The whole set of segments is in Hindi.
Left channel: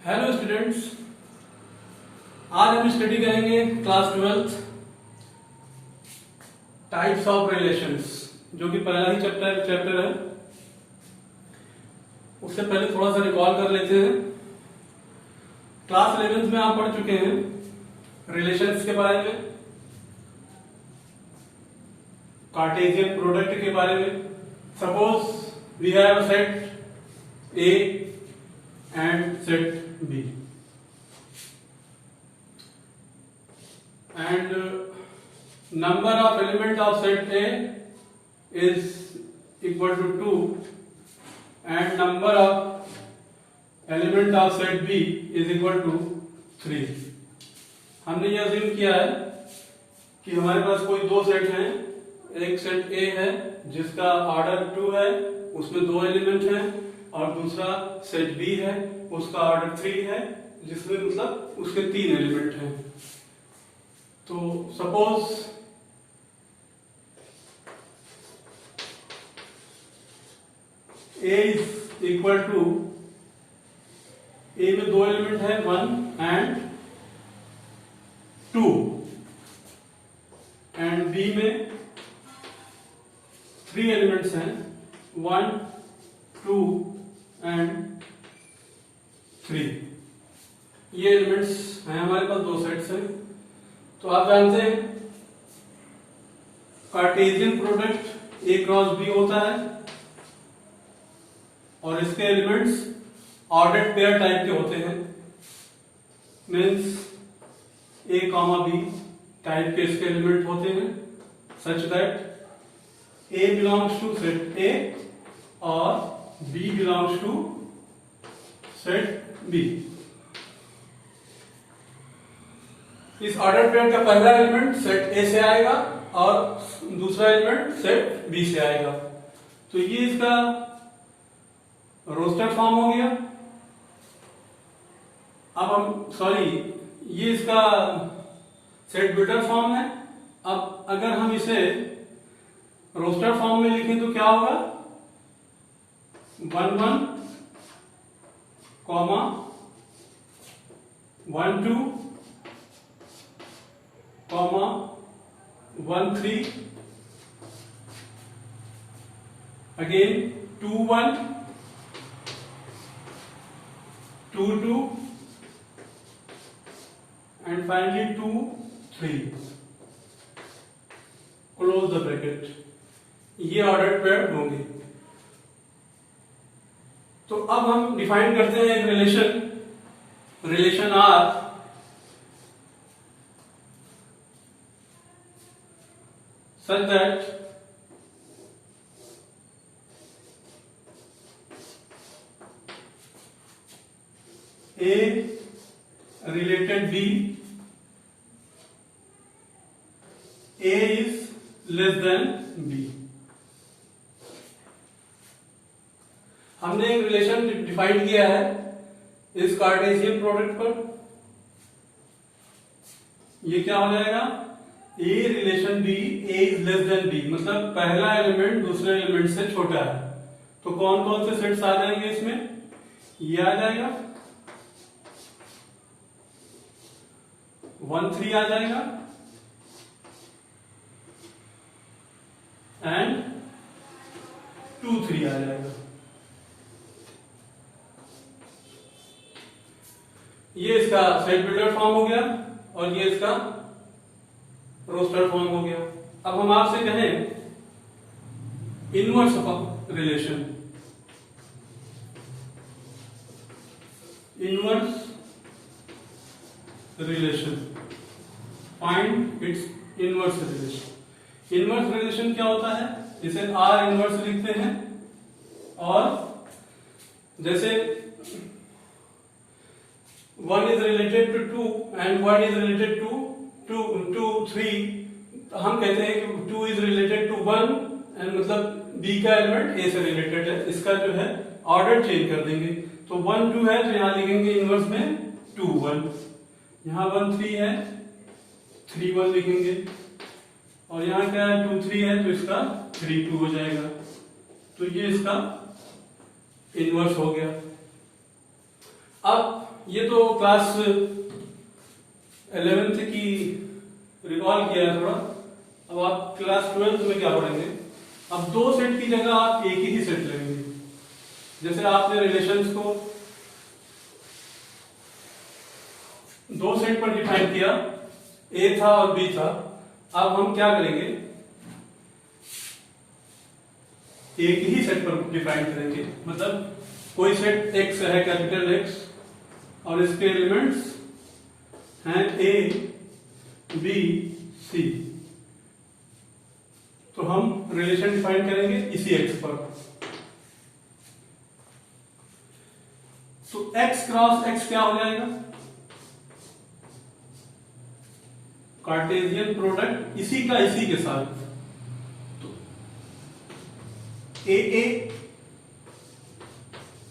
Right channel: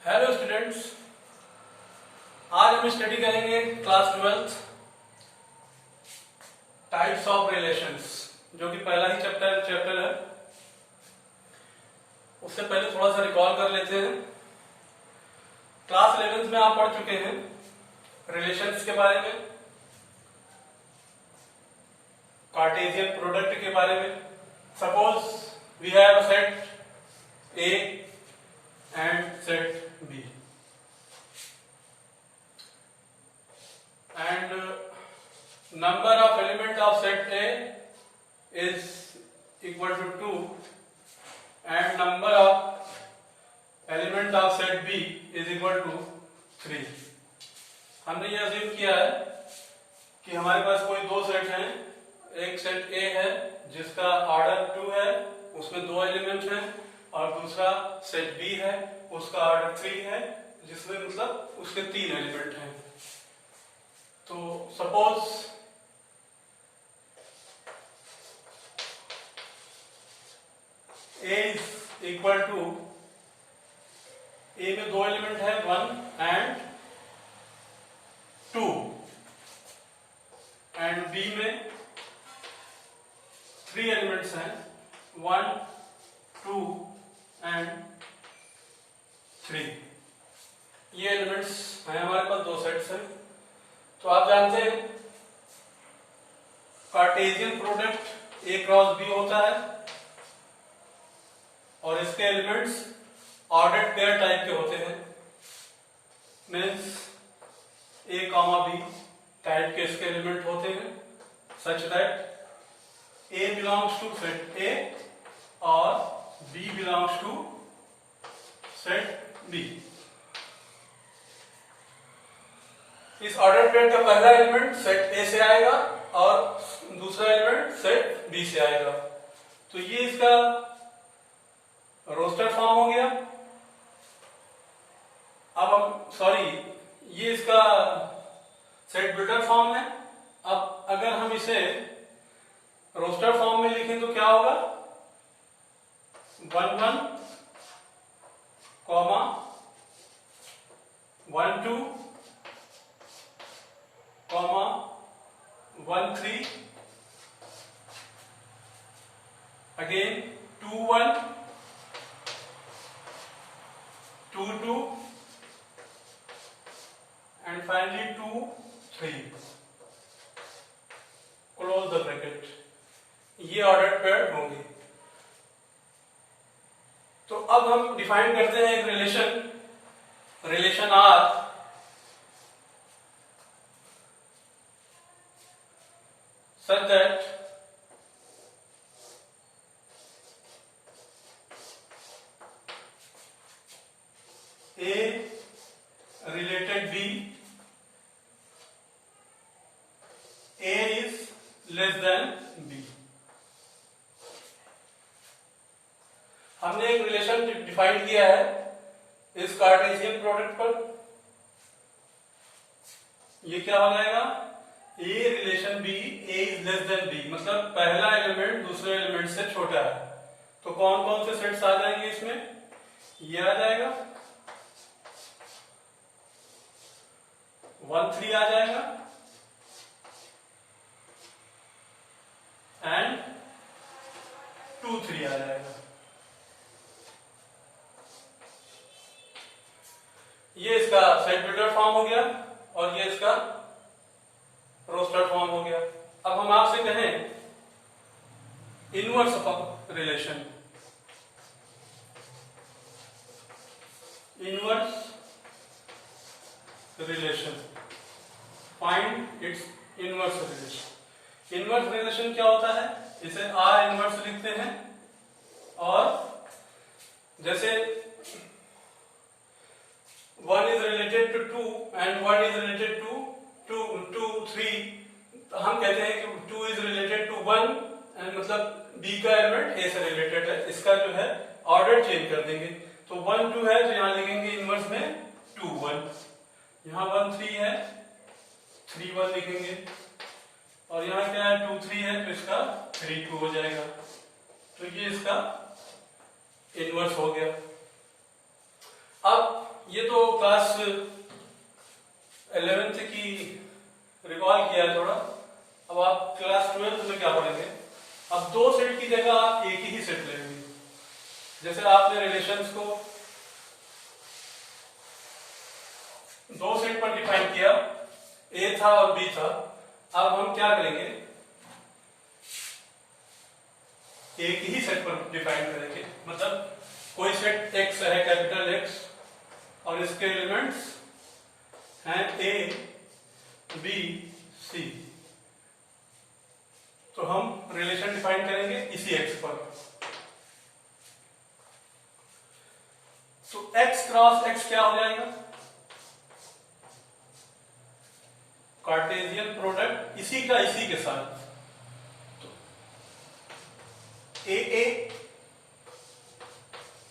हेलो स्टूडेंट्स, आज हम स्टडी करेंगे class 12th types of relations, जो कि पहला ही चैप्टर है। उससे पहले थोड़ा सा रिकॉल कर लेते हैं। क्लास 11th में आप पढ़ चुके हैं रिलेशंस के बारे में, कार्टेशियन प्रोडक्ट के बारे में। Suppose we have set A and set B, and number of element of set A is equal to 2 and number of element of set B is equal to 3। हमने यह अज्यूम किया है कि हमारे पास कोई दो सेट हैं। एक सेट A है जिसका ऑर्डर 2 है, उसमें दो एलिमेंट हैं, और दूसरा सेट बी है उसका ऑर्डर 3 है जिसमें मतलब उसके 3 एलिमेंट हैं। तो suppose A is equal to, A में दो एलिमेंट है 1 एंड 2, एंड बी में 3 एलिमेंट्स हैं 1 2 एंड 3। ये एलिमेंट्स हैं हमारे पास, दो सेट्स हैं। तो आप जानते हैं Cartesian product A cross B होता है और इसके एलिमेंट्स ऑर्डर्ड पेयर टाइप के होते हैं। Means A comma B type के इसके एलिमेंट होते हैं, such that A belongs to set A और B belongs to set B। इस ऑर्डर पेयर का पहला एलिमेंट सेट A से आएगा और दूसरा एलिमेंट सेट B से आएगा। तो ये इसका रोस्टर फॉर्म हो गया। अब हम ये इसका सेट बिल्डर फॉर्म है। अब अगर हम इसे रोस्टर फॉर्म में लिखें तो क्या होगा, 1 1 comma 1 2 comma 1 3, again 2 1 2 2 and finally 2 3, close the bracket. ये ऑर्डर्ड पेयर होंगे। तो अब हम डिफाइन करते हैं एक relation R such that A related B, A is less than B. हमने एक रिलेशन डिफाइन किया है इस कार्टेशियन प्रोडक्ट पर। ये क्या हो जाएगा, A relation B, A is less than B, मतलब पहला एलिमेंट दूसरे एलिमेंट से छोटा है। तो कौन कौन से सेट्स आ जाएंगे इसमें, ये आ जाएगा 1 3 आ जाएगा एंड 2 3 आ जाएगा। ये इसका सेट बिल्डर फॉर्म हो गया और ये इसका रोस्टर फॉर्म हो गया। अब हम आपसे कहें inverse of relation, find its inverse relation. Inverse relation क्या होता है, इसे आर इनवर्स लिखते हैं। और जैसे 1 is related to 2 and 1 is related to 2 3, तो हम कहते हैं कि 2 is related to 1 and मतलब B का एलिमेंट A से रिलेटेड है। इसका जो है ऑर्डर चेंज कर देंगे। तो 1 2 है तो यहां लिखेंगे इनवर्स में 2 1, यहां 1 3 है 3 1 लिखेंगे, और यहां क्या है 2 3 है तो इसका 3 2 हो जाएगा। तो ये इसका इनवर्स हो गया। अब ये तो क्लास 11th की रिकॉल किया है थोड़ा। अब आप क्लास 12th में क्या पढ़ेंगे? अब दो सेट की जगह आप एक ही सेट लेंगे। जैसे आपने रिलेशंस को दो सेट पर डिफाइन किया, ए था और बी था। अब हम क्या करेंगे? एक ही सेट पर डिफाइन करेंगे। मतलब कोई सेट एक्स है, कैपिटल एक्स, और इसके एलिमेंट्स हैं ए बी सी, तो हम रिलेशन डिफाइन करेंगे इसी एक्स पर। तो एक्स क्रॉस एक्स क्या हो जाएगा? कार्टेशियन प्रोडक्ट इसी का इसी के साथ। तो A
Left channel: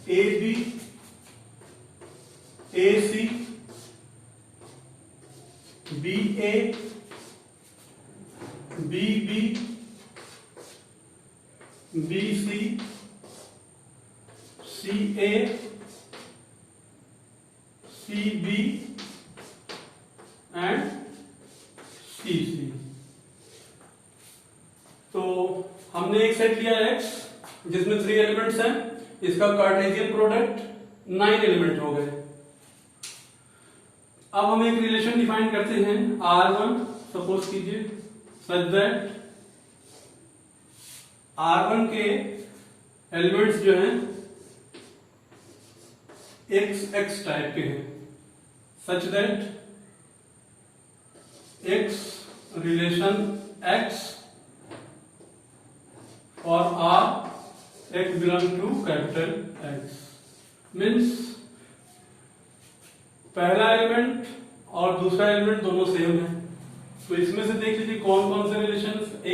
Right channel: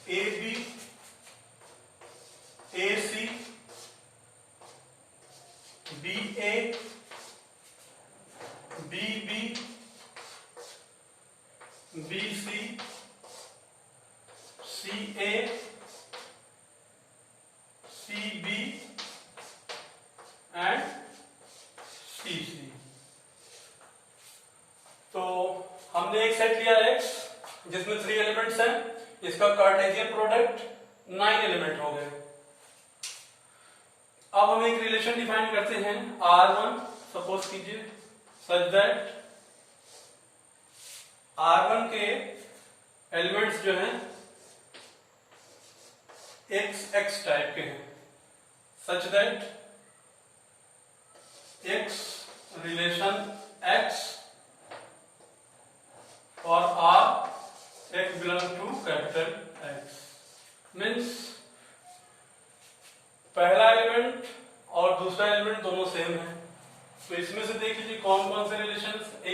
B A C B A B B B C C A C B and C C. तो हमने एक सेट लिया एक्स जिसमें 3 एलिमेंट्स हैं। इसका कार्टेशियन प्रोडक्ट 9 एलिमेंट हो गए। अब हम एक रिलेशन डिफाइन करते हैं R1, सपोज कीजिए सच दैट R1 के एलिमेंट्स जो हैं x टाइप के हैं, such that x relation x और R x belong to capital X। Means पहला एलिमेंट और दूसरा एलिमेंट दोनों सेम है। तो इसमें से देख लीजिए कौन कौन से रिलेशन, ए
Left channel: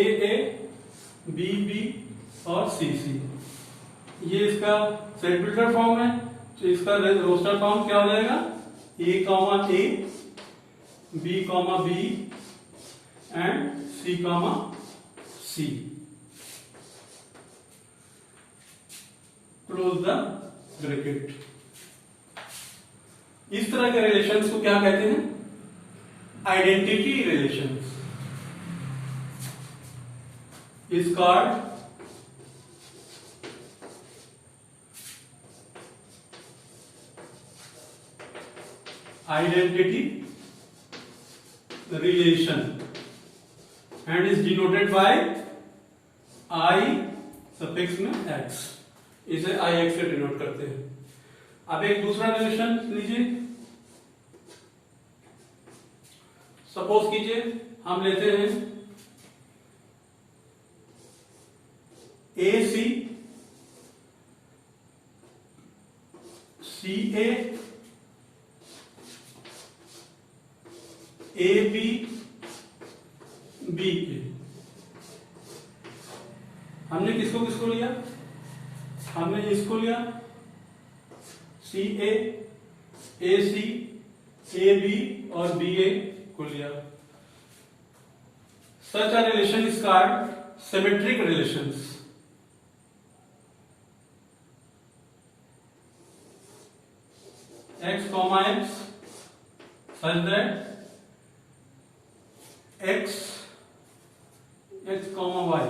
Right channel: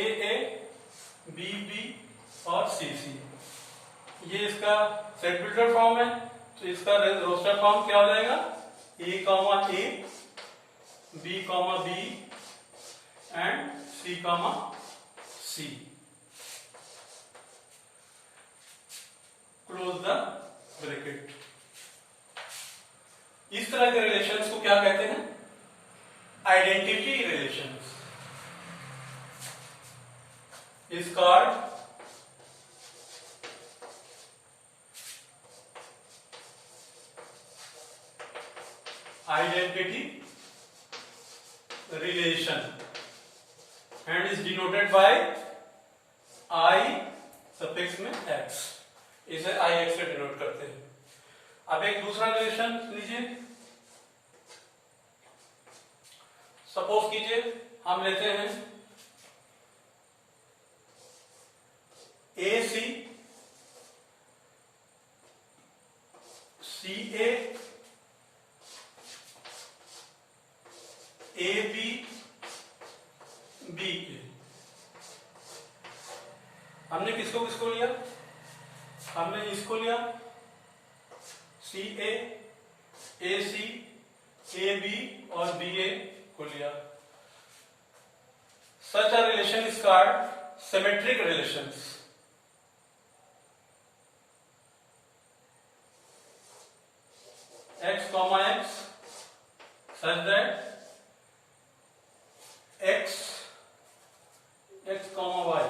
बी बी और सी सी। ये इसका सेट बिल्डर फॉर्म है। तो इसका रोस्टर फॉर्म क्या हो जाएगा? A comma A, B comma B and C comma C. Close the bracket. इस तरह के रिलेशंस को क्या कहते हैं? Identity relations is called identity relation and is denoted by I suffix में एक्स। इसे आई एक्स से डिनोट करते हैं। अब एक दूसरा रिलेशन लीजिए। सपोज कीजिए हम लेते हैं ए सी सी ए बी बी ए। हमने किसको किसको लिया? हमने इसको लिया सी ए सी ए बी और बी ए को लिया। Such a relation is called symmetric relations. x comma x such that x comma y,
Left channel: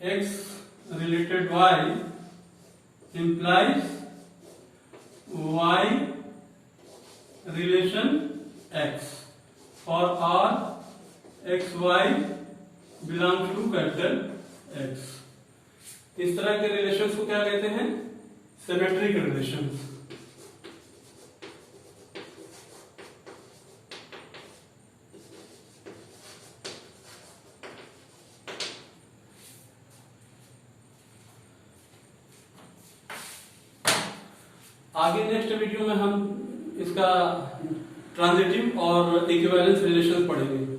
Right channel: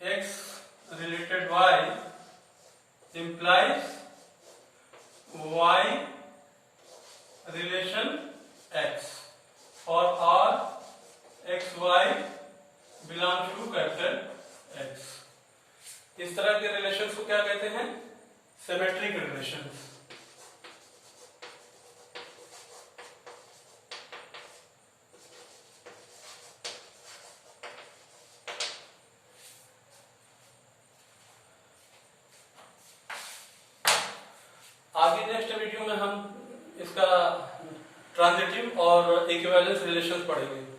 x related y implies y relation x for all x y belong to capital X। इस तरह के रिलेशंस को क्या कहते हैं? Symmetric relations. आगे नेक्स्ट वीडियो में हम इसका ट्रांजिटिव और इक्विवेलेंस रिलेशन पढ़ेंगे।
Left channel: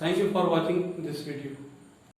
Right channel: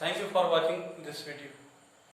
Thank you for watching this video.